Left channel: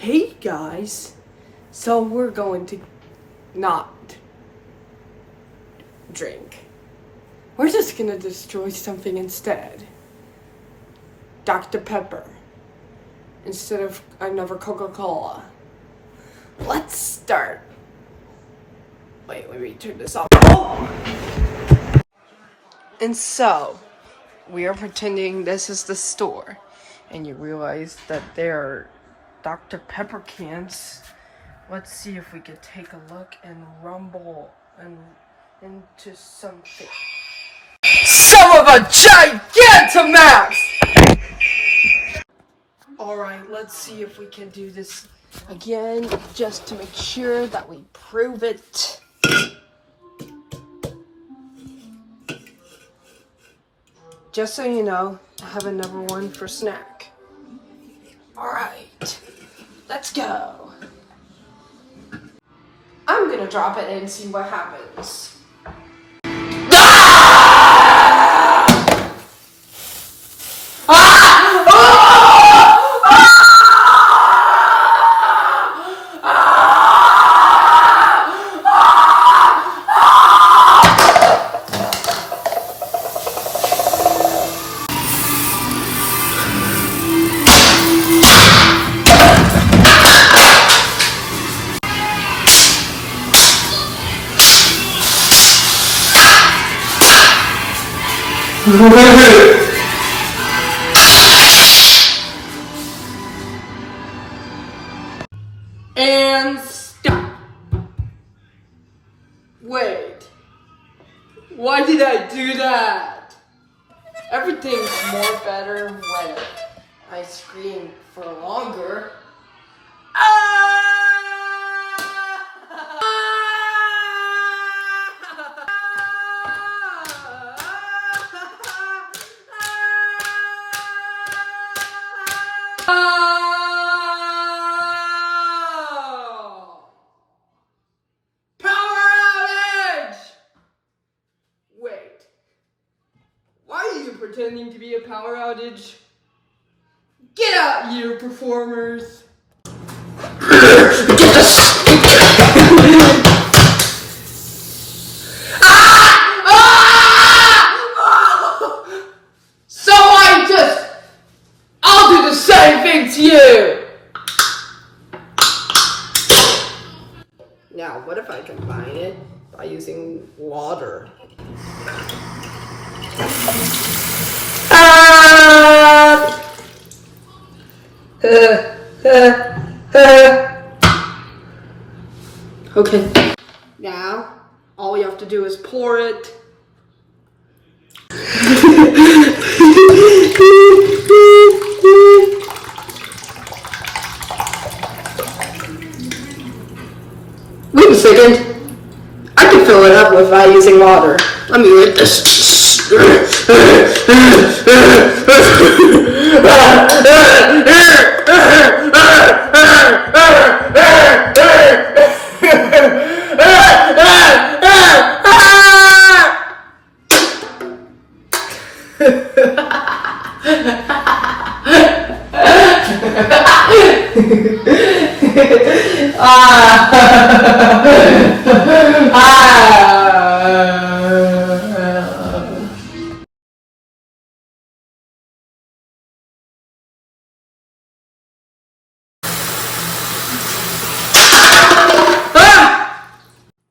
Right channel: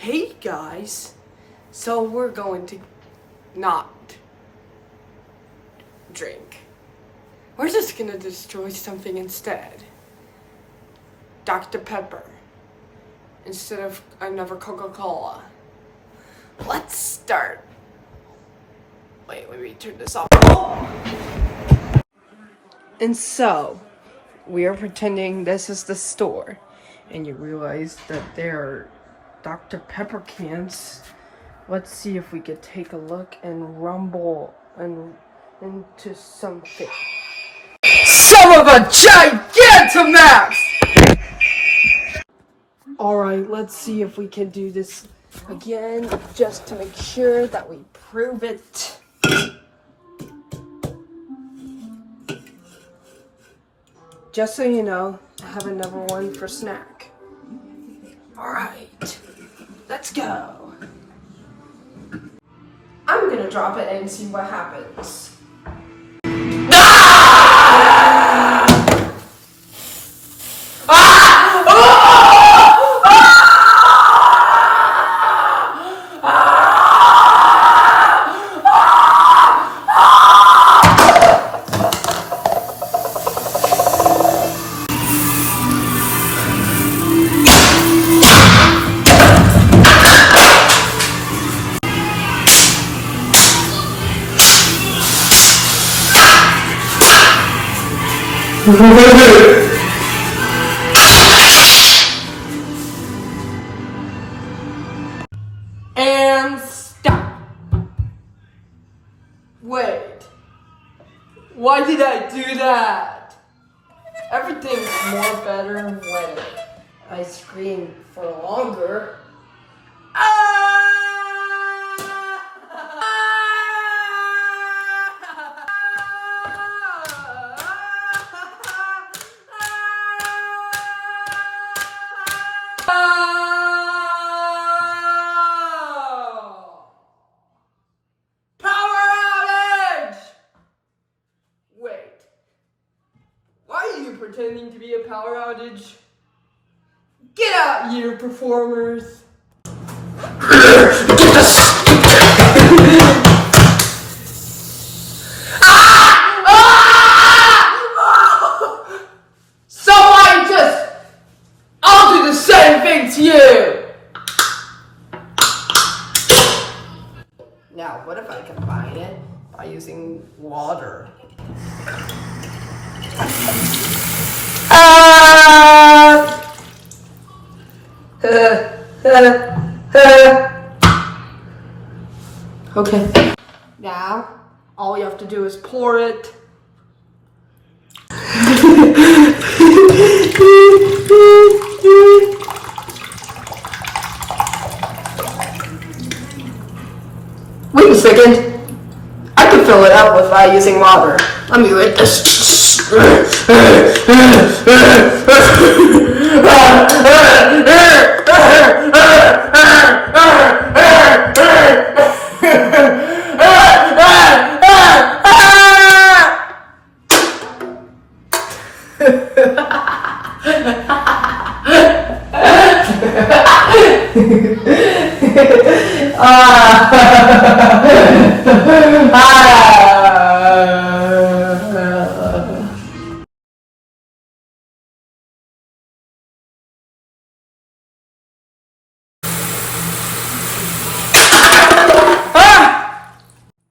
Hey guys, so we're going to not drink. We're just gonna destroy something instead. DrPepper instead of another Coca-Cola. Let's start. Wait, let me turn this off. Oh! And so, we are pretending this is the store, and you realize that there are DrPepper cans. Let's see if we could take a look and rumble into something. Some of a Gigantamax! Alright, let's see if we can do this again, just to make sure that we prove it. Just so you know, I have another one for snack. Alright, let's go. I'm gonna drop it and see what happens. And stop. Wait. Why did I do that? Everything's more better when I scream for longer. Pretending to be a power outage. Get out, you performers! So I'll do the same thing to you! Now, what if I combine it by using water? Okay. Now, all you have to do is pour it. Wait a second. I can fill it up without using water. Let me read this.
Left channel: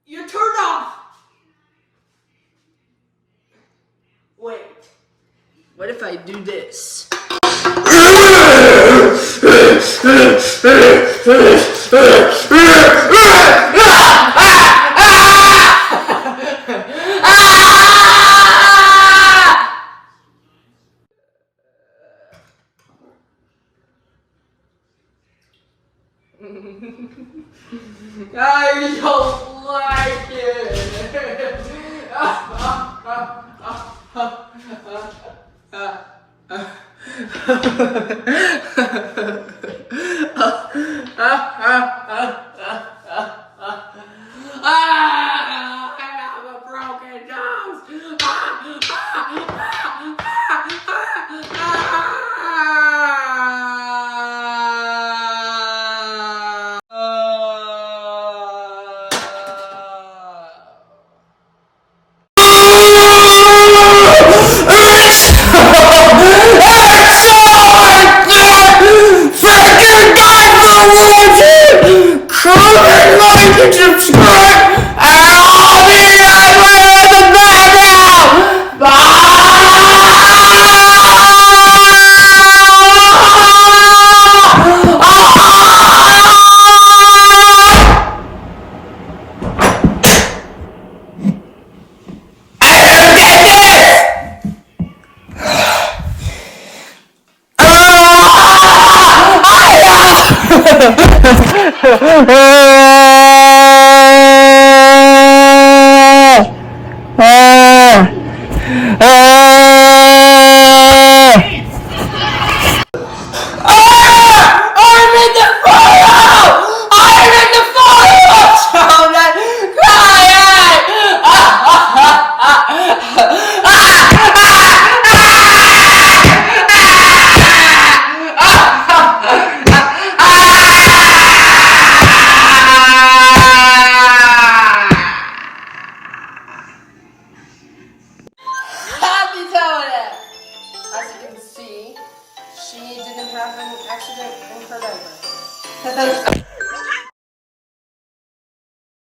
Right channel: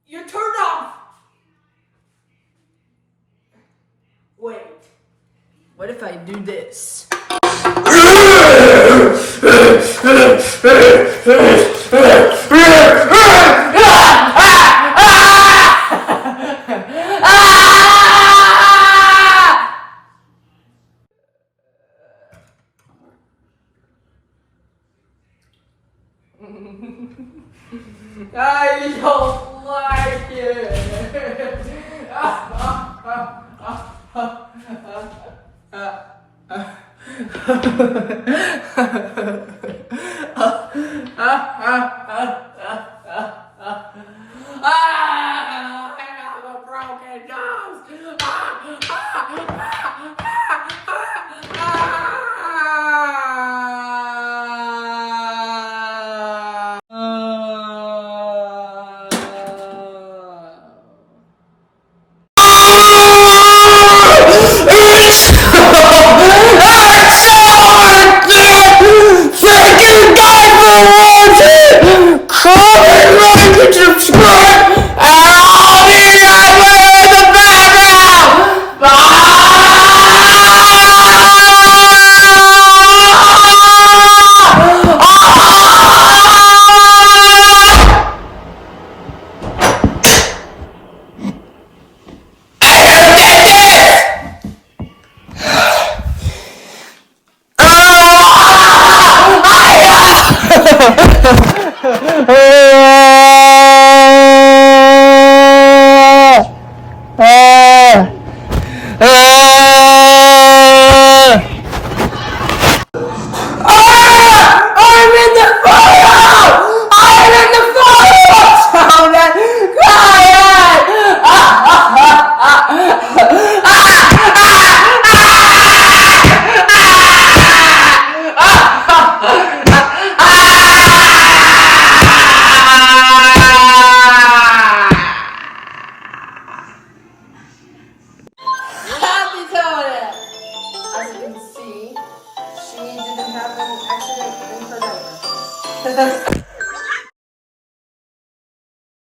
You're turned off. Wait. What if I do this? I don't like it. I have a broken nose. Bye-bye.